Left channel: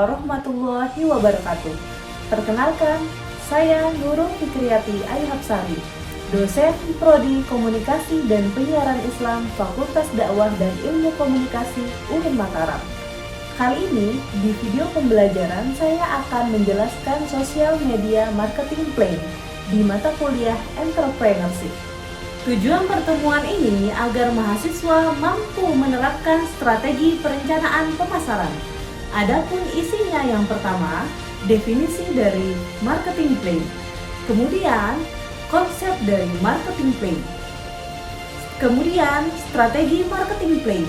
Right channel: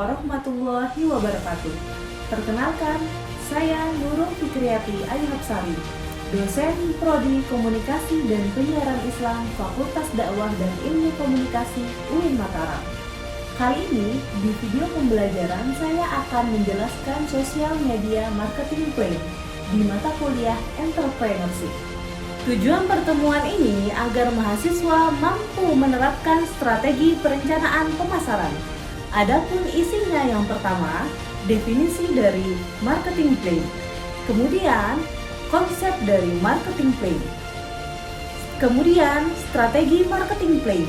warahmatullahi wabarakatuh. Perkenalkan, saya Nurul Fikriyati Ayhapsari, dosen Prodi Komunikasi dan Penyiaran Islam Fakultas Dakwah dan Ilmu Komunikasi UIN Mataram. Kali ini, di video pembelajaran saya akan menjelaskan sosial media marketing plan di mata kuliah Entrepreneurship. Tujuan pertemuan ini agar mahasiswa mampu menerapkan strategi perencanaan pemasaran. Adapun isinya yang pertama, definisi dari marketing plan. Kemudian, konsep dari marketing plan. Kemudian, strategi marketing plan.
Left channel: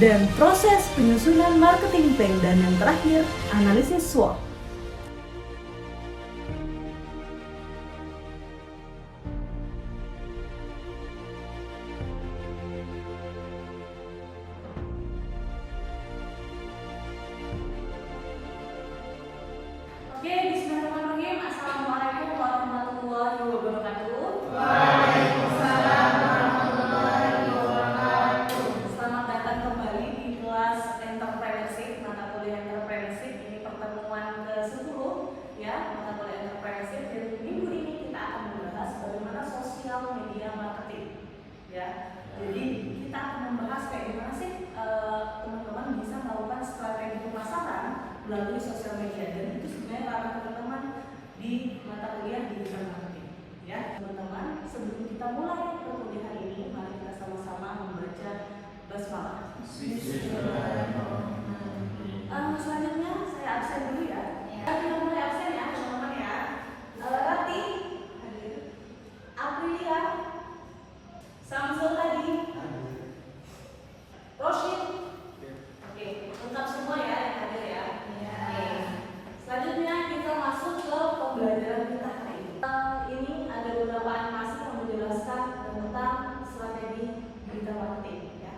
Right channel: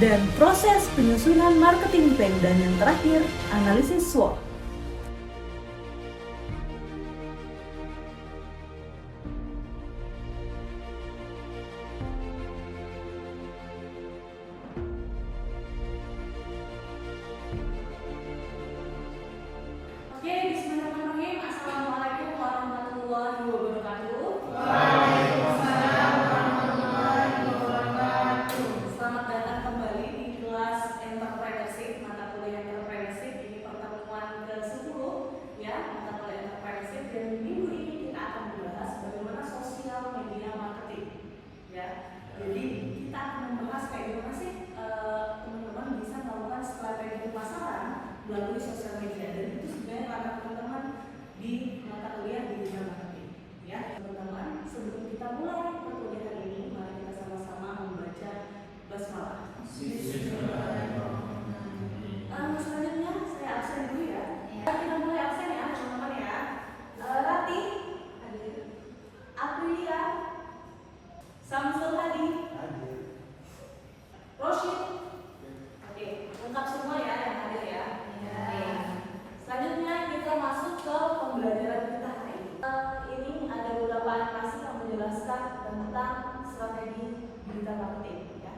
Dan proses penyusunan marketing plan. Dan yang terakhir, analisis SWOT. Oke, bismillahirrahmanirrahim. Assalamualaikum warahmatullahi wabarakatuh. Waalaikumsalam warahmatullahi wabarakatuh. Selamat datang kembali di kelas Entrepreneurship, mata kuliah Entrepreneurship. Ini pertemuan ke-10 ya, mata kuliah Entrepreneurship, dan minggu ini kita akan membahas bagaimana sosial media marketing. Ya. Jadi kita akan membahas kayak gimana sih teman-teman bisa melakukan strategi pemasaran melalui sosial media, dan itu sebenarnya ranah teman-teman di mata kuliah digital marketing. Ya, teman-teman, sebelum kita mulai perkuliahan ini, mari kita sama-sama membaca basmalah. Selanjutnya saya absen dulu ya. Kita mulai absen ya, teman-teman ya. Rati, Aprilia, Samsul Hadi, Roshid. Oke, lengkap semua ya yang hadir ya. Oke. Selanjutnya kita masuk ke pembelajaran kita hari ini. Ini ada beberapa animasi yang menjelaskan tentang strategi digital marketing. Ya.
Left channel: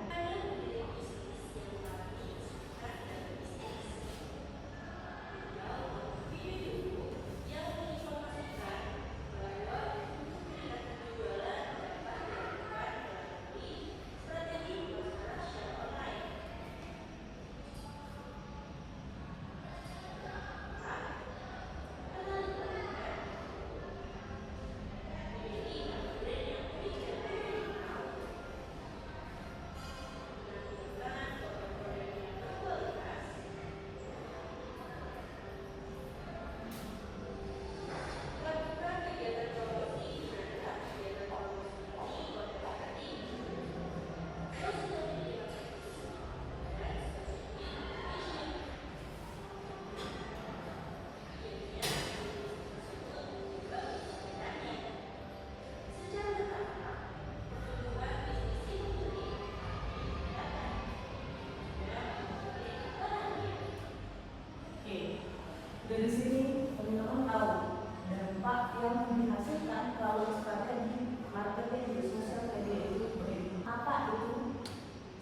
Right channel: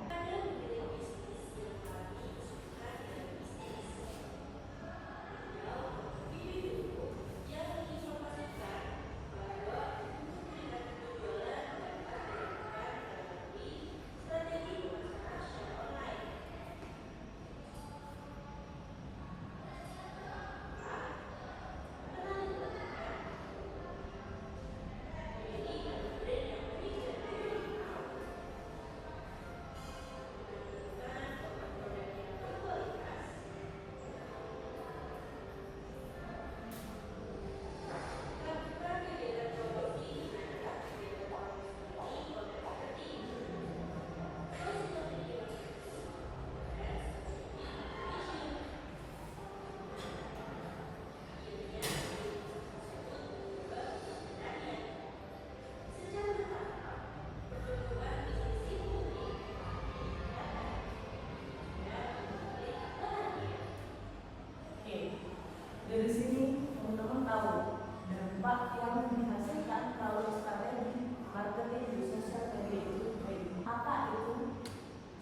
Dari sini teman-teman tahu dampak yang dihasilkan kalau strategi marketing di sosial media itu baik. Apa itu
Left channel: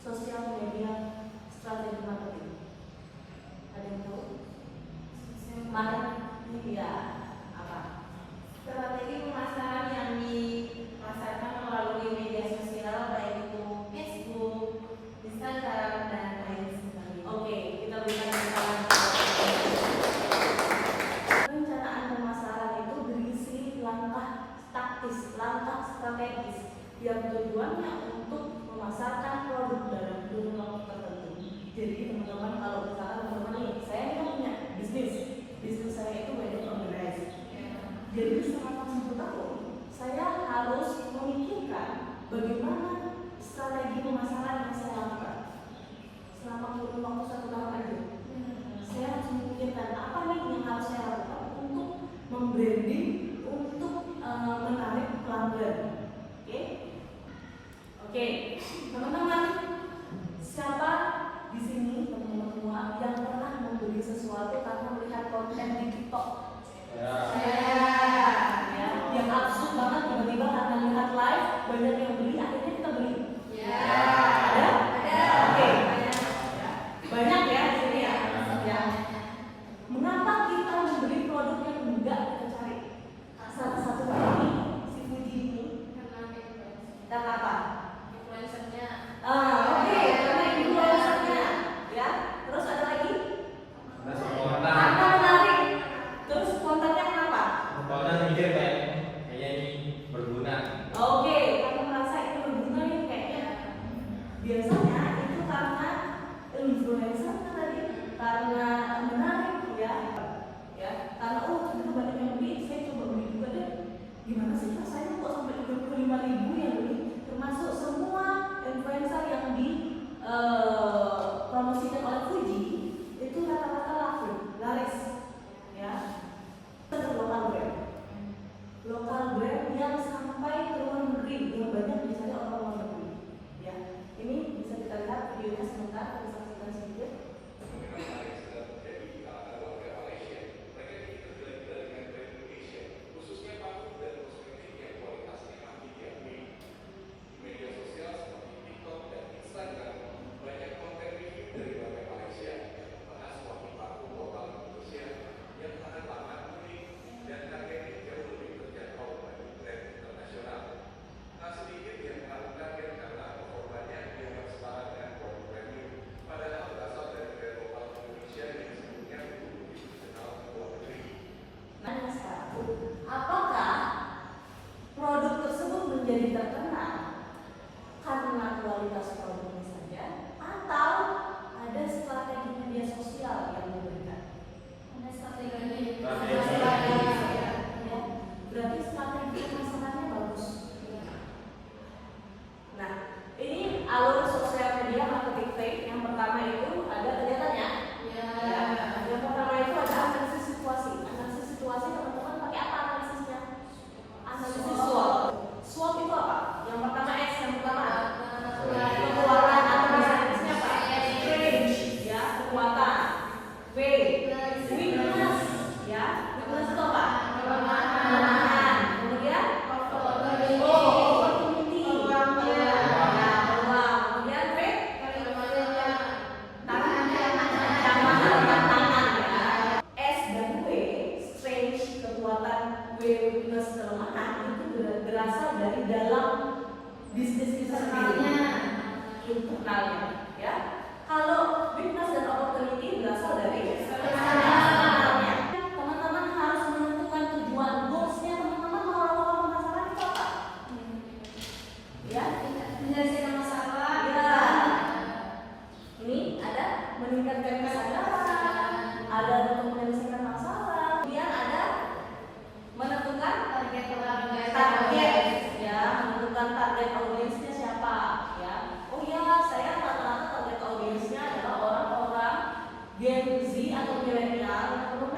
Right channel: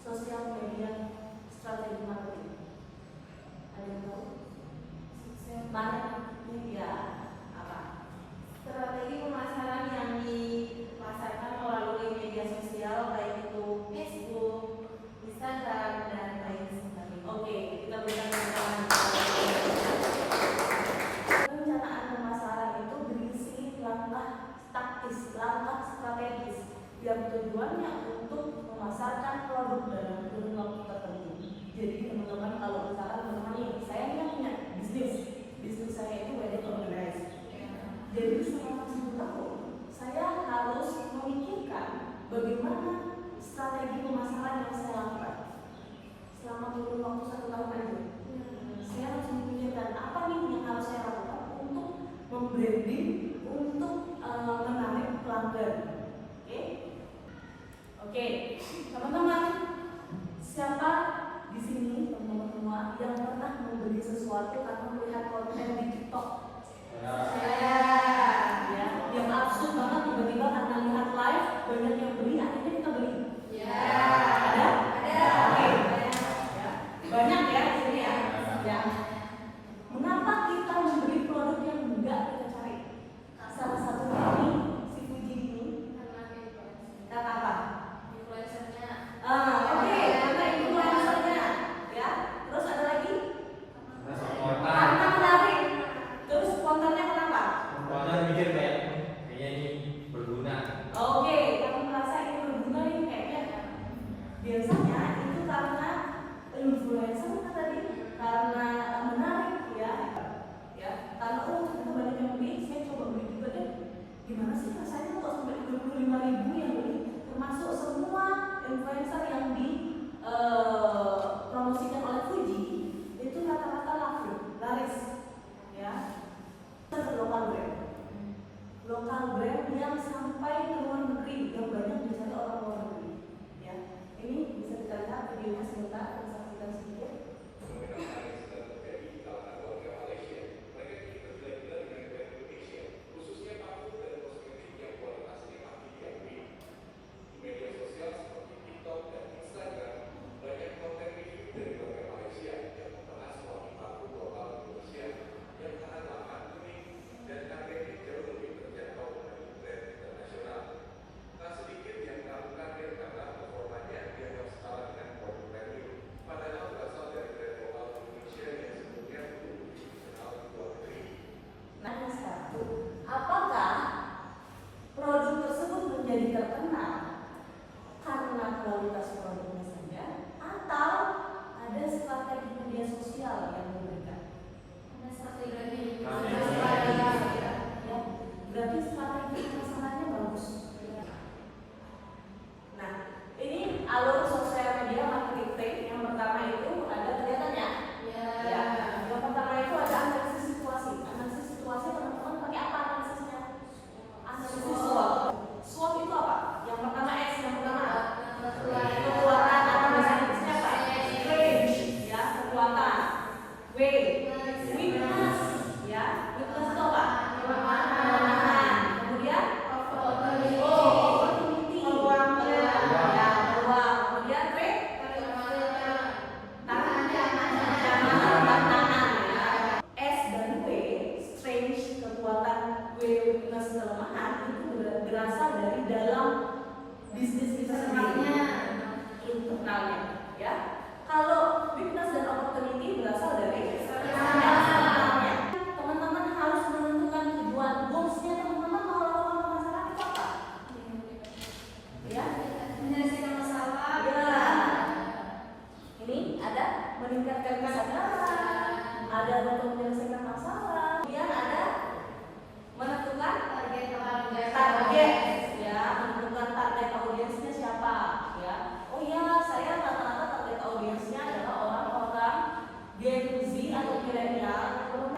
sosial media strategi marketing? Ada yang tahu? Mana? Iya. Apa? Strategi pemasaran yang dipasarkan melalui media sosial, baik itu Facebook, Instagram, dan lain sebagainya. Oke, kita berikan keterangan. Perencanaan pemasaran itu berisi langkah taktis, langkah strategis yang tujuannya untuk memasarkan produk dalam kurun waktu tertentu. Jadi teman-teman, kalau misalkan teman-teman nih, saya kan punya bisnis saya itu banyak organize. Jadi selama 1 tahun saya harus memikirkan bagaimana strategi pemasaran yang saya lakukan selama kurun waktu 1 tahun aja. Saya harus memikirkan apa nih yang harus saya lakukan untuk membranding, untuk menarik pelanggan. Oke, teman-teman, siapa di sini teman-teman semua yang pernah membeli sesuatu karena melihat konten di TikTok? Ya, yang absurd banget tiba-tiba karena lihat live banyak yang beli, akhirnya kita beli. Ada? Oke. Ya. Banyak ya di sini ya. Ya. Mengapa kita membeli produk yang enggak kita cari? Salah satunya ini si Fuji ini. Karena apa? Influencernya. Oke, karena influencernya. Ya. Terus ada lagi? Karena semua orang menjadi terkenal karena kualitas produknya saja, atau ada strategi media sosial yang memberikan? Ada strategi. Ya, berarti strategi pemasarannya bagus. Nah, ini alur sosial media marketing fake. Yang pertama itu ada kegiatannya. Ya. Yang pertama itu ada analisis situasi. Analisis situasi teman-teman pakai apa analisisnya? Analisis SWOT. SWOT itu apa? Yang pertama S, yang pertama kekuatan. Analisisnya apa? Strength, ya, kekuatan. W, weakness, ya. Weakness itu apa? Kelemahan. Kemudian opportunity. Ya, peluang. Kemudian P, tantangan, ya. S dan W, strength, kekuatan, W, weakness, kelemahan, itu berasal dari dalam bisnis itu sendiri, internalnya, ya. Kalau weakness dan opportunity berasal dari eksternalnya. Teman-teman harus menentukan tujuan, goalsnya teman-teman mau lakukan pemasaran itu apa? Ya, menyelesaikan masalah. Ya. Ini ada meningkatkan kesadaran, ada untuk menyelesaikan masalah. Kemudian ada menentukan target, ya, menentukan target audiensnya siapa, ya. Oh iya, saya rata-rata target audiensnya adalah orang-orang Gen Z atau milenial yang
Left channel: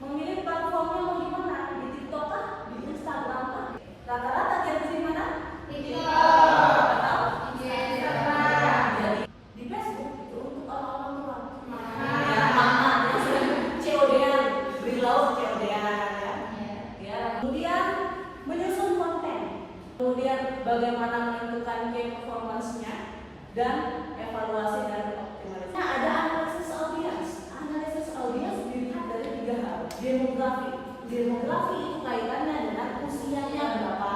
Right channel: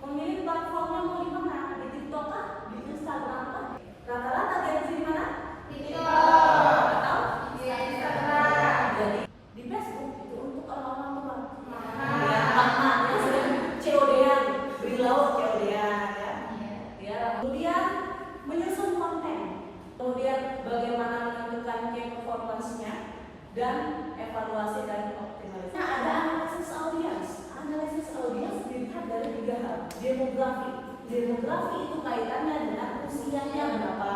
memilih platformnya mau di mana, di TikTok kah, di Instagram kah? Rata-rata Gen Z mana? TikTok atau Instagram. Jadi di Facebook itu untuk orang-orang tua. Ya, mama yang sering COD-an, beri lauk COD-an, ya. Ya, kemudian menyusun konten, kemudian bagaimana menentukan key performance-nya dan evaluasi dan optimalisasi. Nah, ada analisis audiens. Analisis audiens dilihat dari 3 hal. Demografi. Demografi itu kaitannya dengan usianya berapa,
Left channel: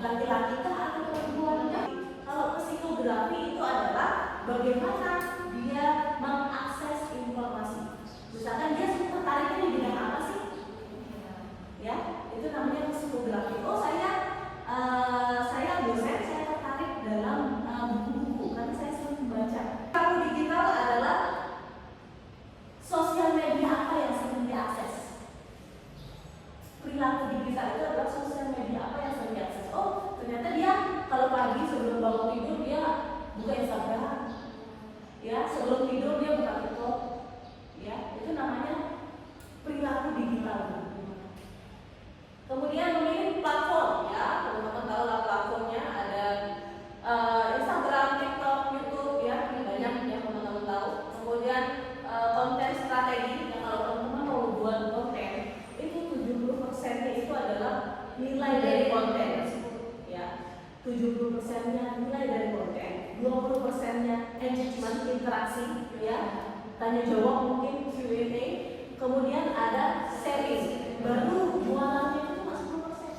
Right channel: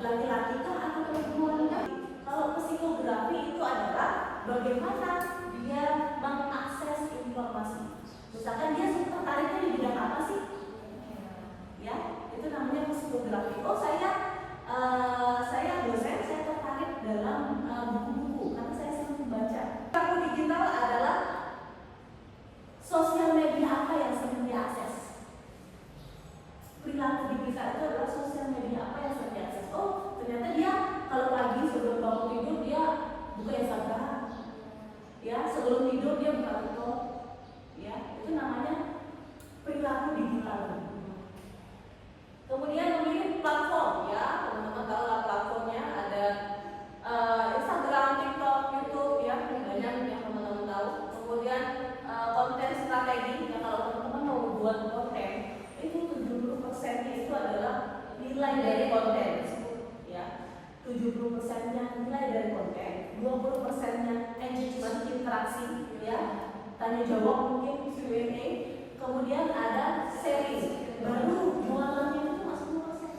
laki-laki kah atau perempuan kah. Kalau psikografi itu adalah bagaimana dia mengakses informasi. Misalkan dia tertariknya di bidang apa sih? Ya, itu namanya psikografi. Oh, saya dosen, saya tertarik dalam buku-buku karena saya sering membaca. Perilaku digital adalah sosial media apa yang sering diakses. Perilaku digital itu adalah sosial media apa yang sering diakses. Oh, ternyata dia kalau pagi sebelum bangun tidur dia buka Instagram. Ya, sebelum tidur dia buka TikTok. Ya, itu namanya perilaku digital. Kemudian memilih platform, ya, teman-teman tahu lah platformnya ada Instagram, TikTok, YouTube, ya, banyak yang teman-teman tahu. Kemudian konten strategi, ya, kalau teman-teman mau buat konten, itu 70%-nya itu adalah nilai dari konten, ya, 70%-nya nilai dari konten, 20%-nya engagement, interaksi, ya, tanya jawab mungkin Q&A, kemudian ada sharing, baru jualannya itu masuk 2%.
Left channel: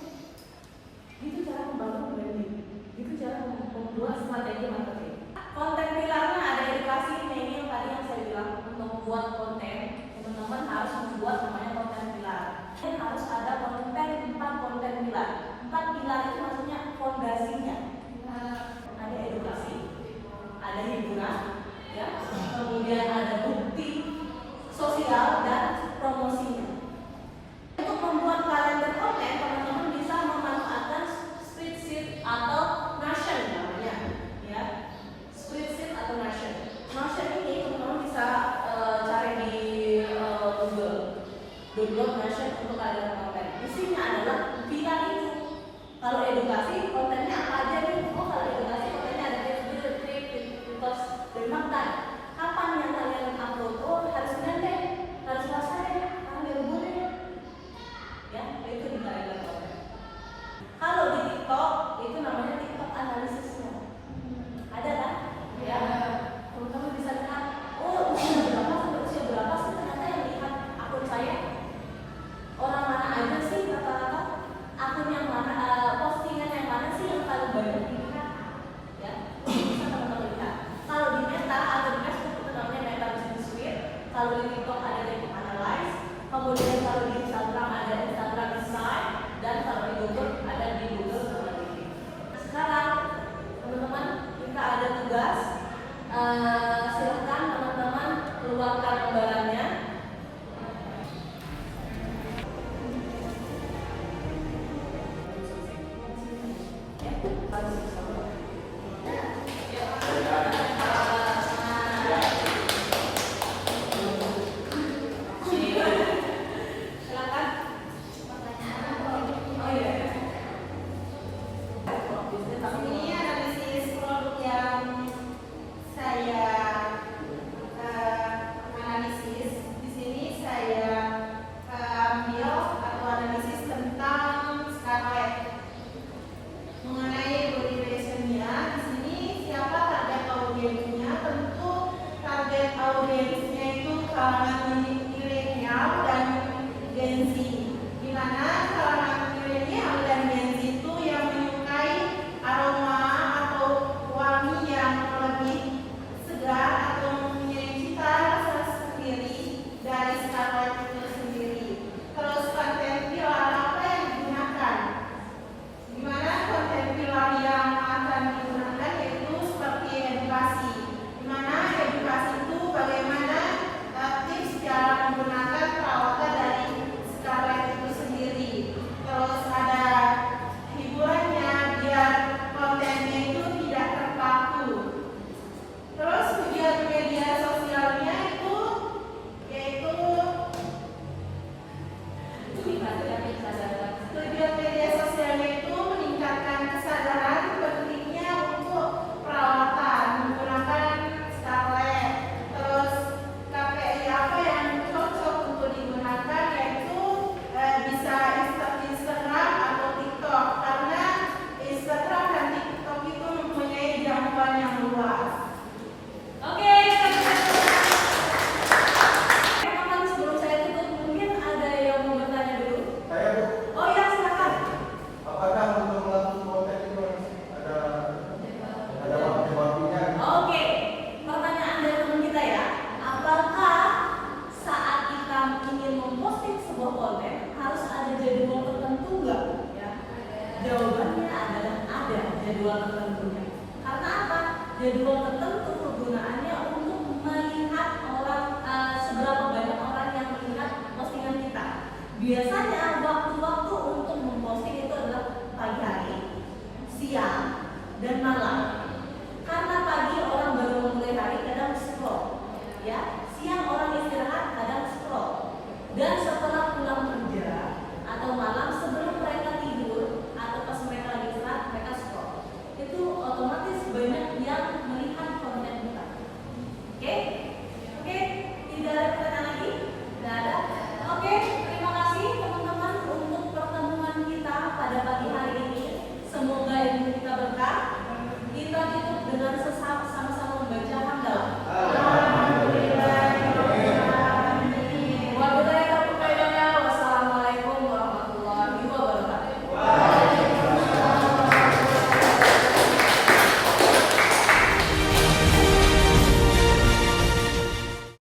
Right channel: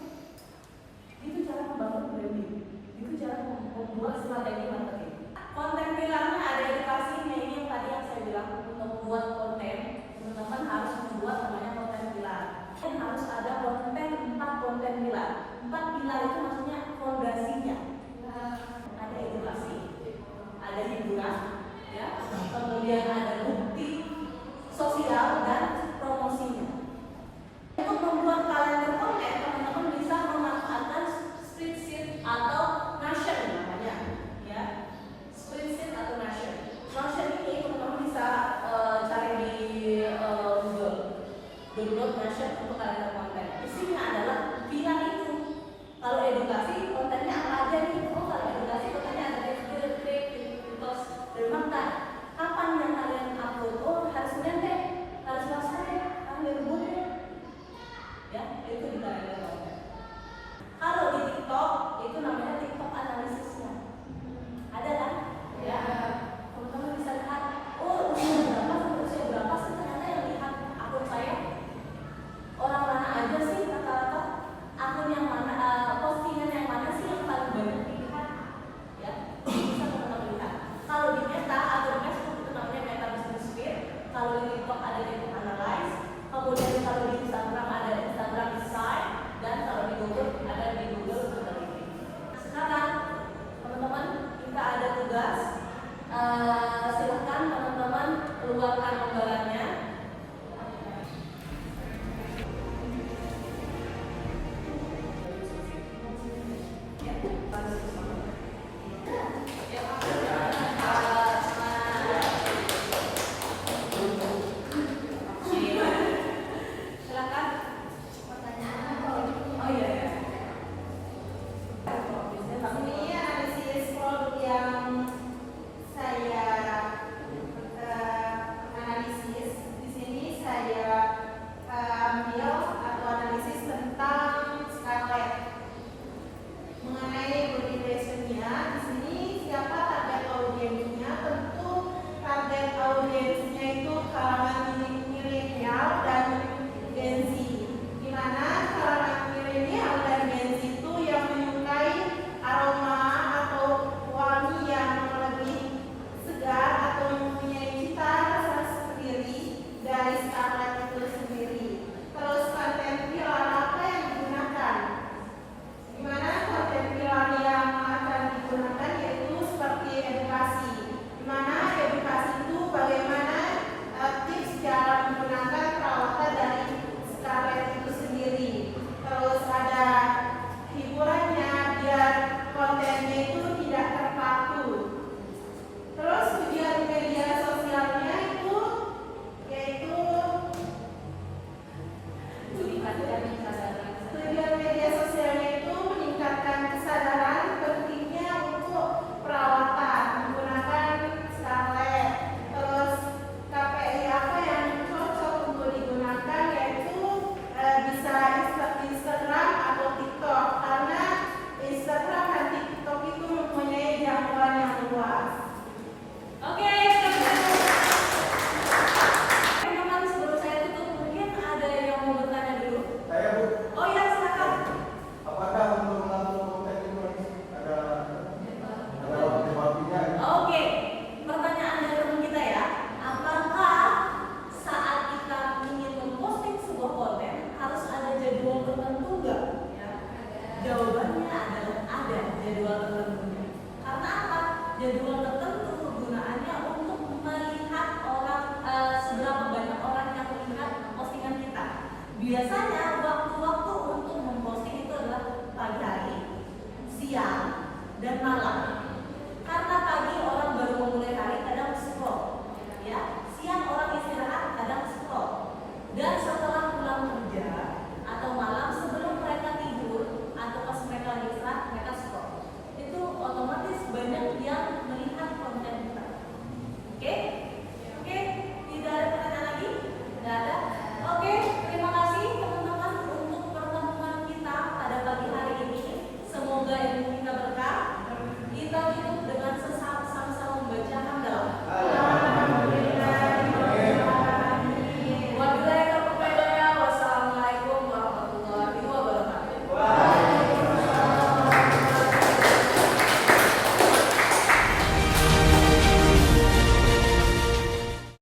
Itu cara membangun branding, itu cara membuat strategi marketing. Konten pilarnya ada edukasi, ini yang tadi yang saya bilang, untuk membuat konten, teman-teman harus membuat namanya konten pilar. Dan harus ada konten 4 konten pilar. 4 pilar itu maksudnya fondasinya. Ada edukasi, ada hiburan, ya, kemudian ada bukti sosial dan promosinya. Untuk membuat kalender konten, teman-teman bisa memanfaatkan spreadsheet atau Notion namanya, ya. Spreadsheet atau Notion. Notion ini teman-teman bisa cari di Google. Download Notion untuk kalender konten. Isinya adalah pilar itu. Kalau edukasi kontennya apa aja nih? Oh, kalau edukasi kontennya ada tips, dan mantan. Kapan yang kalian upload? Oh, harus Senin deh, harus Selasa deh, harus Minggu deh. Ya, itu di kalender konten. Kalau di TikTok itu namanya TikTok analisisnya. Ada kan? Ya. Teman-teman bisa lihat. Oh, usia berapa sampai usia berapa sih ternyata yang lihat akun saya? Orang biasanya waktu-waktu untuk memposting itu adalah pagi hari, siang, dan malam. Karena pagi orang baru mulai hari kadang scroll, ya.